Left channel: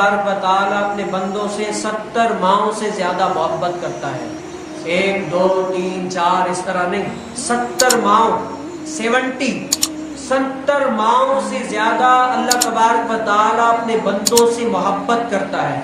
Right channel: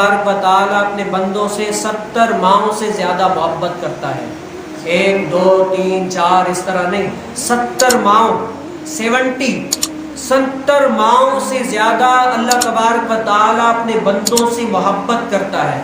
तबारक व तआला अपने बंदों से 70 माओं से ज्यादा मोहब्बत करता है। 1 2 3 4 इस तरह नहीं, 70 माओं, 70 माओं से ज्यादा अल्लाह तबारक व तआला अपने बंदों से मोहब्बत करता है।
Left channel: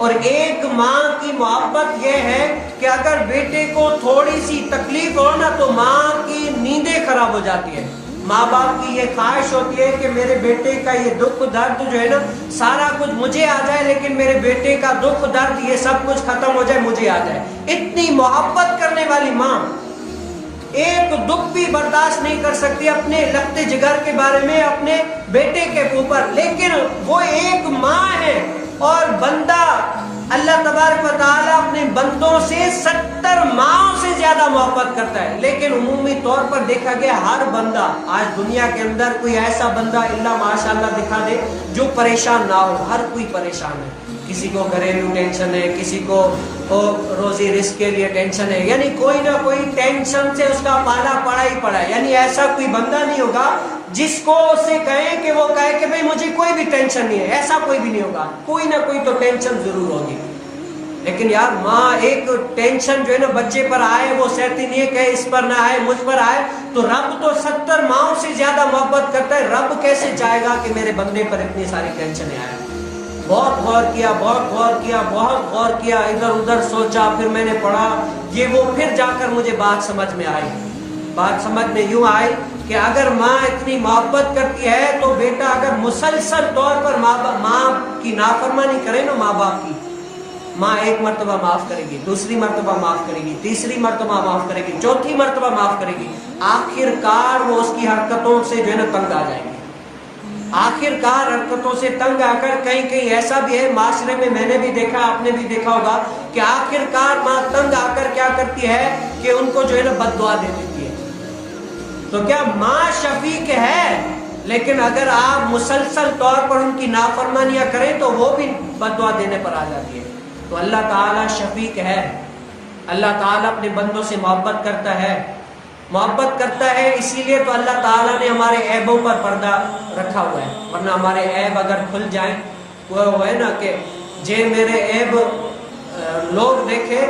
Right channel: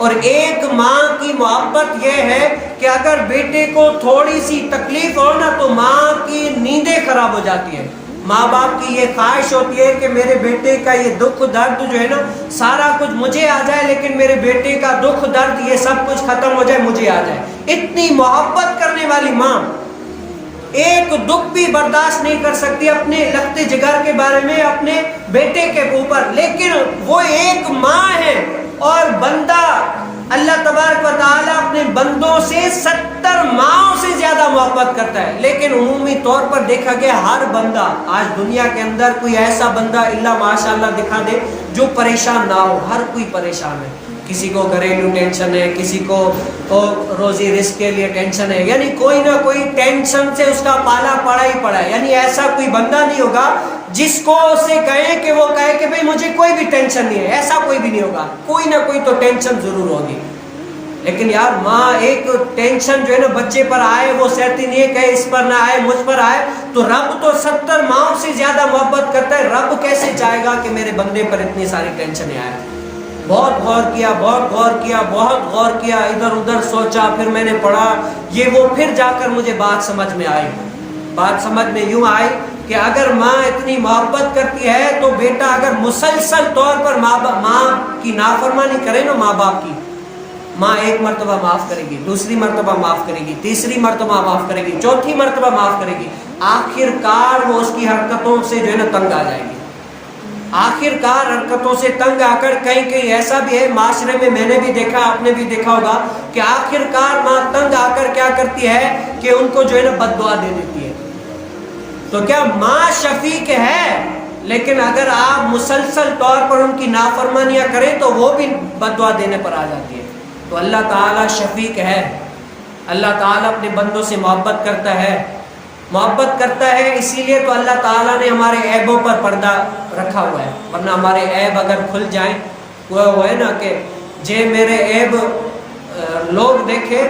और एक माँ की मोहब्बत यह है कि अगर बेटे को थोड़ी सी तकलीफ हो ना तो माँ की नींदें खराब हो जाती है। माँ बाप की ये ख्वाहिश होती है कि मेरे बेटे का ये दुख दर्द जो है ना, सारा कुछ मुझे आ जाए, लेकिन मेरे बेटे का दुख दर्द ये सब कुछ खत्म हो जाए, मुझे आ जाए। इतनी मोहब्बत करने वाली माँ एक दुख भी बर्दाश्त नहीं कर सकती अपने लगते जिगर के बारे में, अपने बेटे के ऊपर। लेकिन वो एक माँ है और बंदा अल्लाह तबारक व तआला अपने बंदों से 70 माओं से ज्यादा मोहब्बत करता है। लेकिन उमूमी तौर पर देखा गया हर बंदा आज दुनिया के अंदर कोई ऐसा बंदा इल्ला माशाअल्लाह दिखा दे जो परेशान ना हो। हर कोई परेशान है, किसी को घरेलू टेंशन है, किसी को रोजी रिस्क के लिए टेंशन है, यानी कोई ना कोई टेंशन से उसका पाला पड़ा ही पड़ा है। यानी ऐसा कोई बंदा नहीं होगा जिसको उसे कहे कि वो कहे कि भाई मुझे कोई भी टेंशन नहीं है, ऐसा कोई भी नहीं होगा। कोई ना कोई तो टेंशन जरूर होगी। लेकिन यार माँ एक टेंशन जो है ना बच्चे पर आए वो सहती नहीं है, कहे इस पर ना आए, मुझ पर आए। तो रब तो 70 माओं से ज्यादा मोहब्बत करता है। रब कैसे चाहेगा कि मेरे बंदे पर इतनी सारी टेंशन आए। बहुत गौर किया, बहुत गौर किया, बहुत गौर किया, इधर उधर सोचा, फिर मैंने पढ़ा ये वो, फिर जाकर मुझे बात समझ में आई। बात समझ में यूं आई कि अगर माँ इतनी मोहब्बत करती है तो बेटा अगर मुसलसल तौर पर माँ की नाफरमानी करे ना, माँ बाप की, माँ एक मर्तबा माफ करेगी, दूसरी मर्तबा माफ करेगी, तीसरी मर्तबा माफ करेगी, चौथी मर्तबा माफ करेगी, आखिरकार वो उसकी हरकतों से जो है ना तंग आ जाएगी। आखिरकार हरकतों से तंग आकर कहीं कहीं ऐसा भी है माशरे में, मैंने भी देखा, आपने भी देखा होगा कि आखिरकार माँ तंग आकर क्या करती है कि उनको जो है ना बद्दुआ दे देती है। तो क्या माँ शफीक है, लेकिन अगर आप मुसलसल तौर पर उनकी नाफरमानियां करें तो वो भी बद्दुआ देने पर आ जाती है। तो अल्लाह ताला शफीक है, अल्लाह ताला अपने बंदों से मोहब्बत करता है। मोहब्बत करता है इसीलिए तो अल्लाह ताला ने हमारे ऐबों पर पर्दा रखा हुआ है, वरना हमारे ऐब अगर खुल जाएं, वो है ना कि जे मेरे ऐब लोग देखे,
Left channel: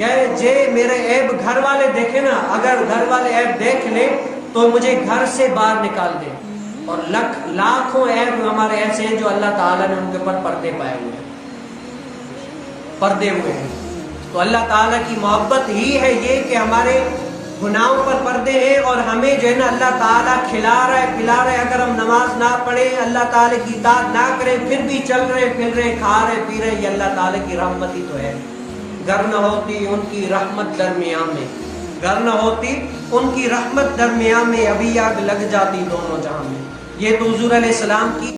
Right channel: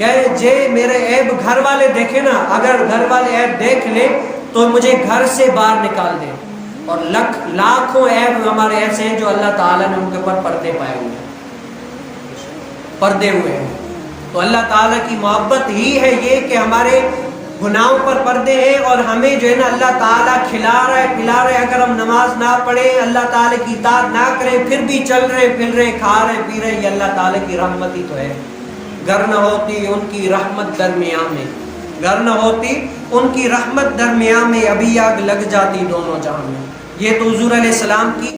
कह जे मेरे ऐब घर वाले देखे ना, अगर घर वाले ऐब देख ले तो मुझे घर से बाहर निकाल दे। और लाखों ऐब हमारे ऐसे हैं जो अल्लाह ताला ने उनके ऊपर पर्दे पाए हुए हैं, पर्दे हुए हैं। तो अल्लाह ताला की मोहब्बत ही है ये कि हमारे गुनाहों पर पर्दे हैं और हमें जो है ना अल्लाह ताला खिला रहा है, पिला रहा है। अगर हम नमाज ना पढ़े, अल्लाह ताला की इताअत ना करें, फिर भी चल रहे फिर रहे, खा रहे पी रहे, ये अल्लाह ताला की रहमत ही तो है। गर न होती उनकी रहमत दरमियान में, गर न होती उनकी रहमत दरमियान में, अभी आग लग जाती दोनों जहां में। ये तो हुजूर अलैहिस्सलाम की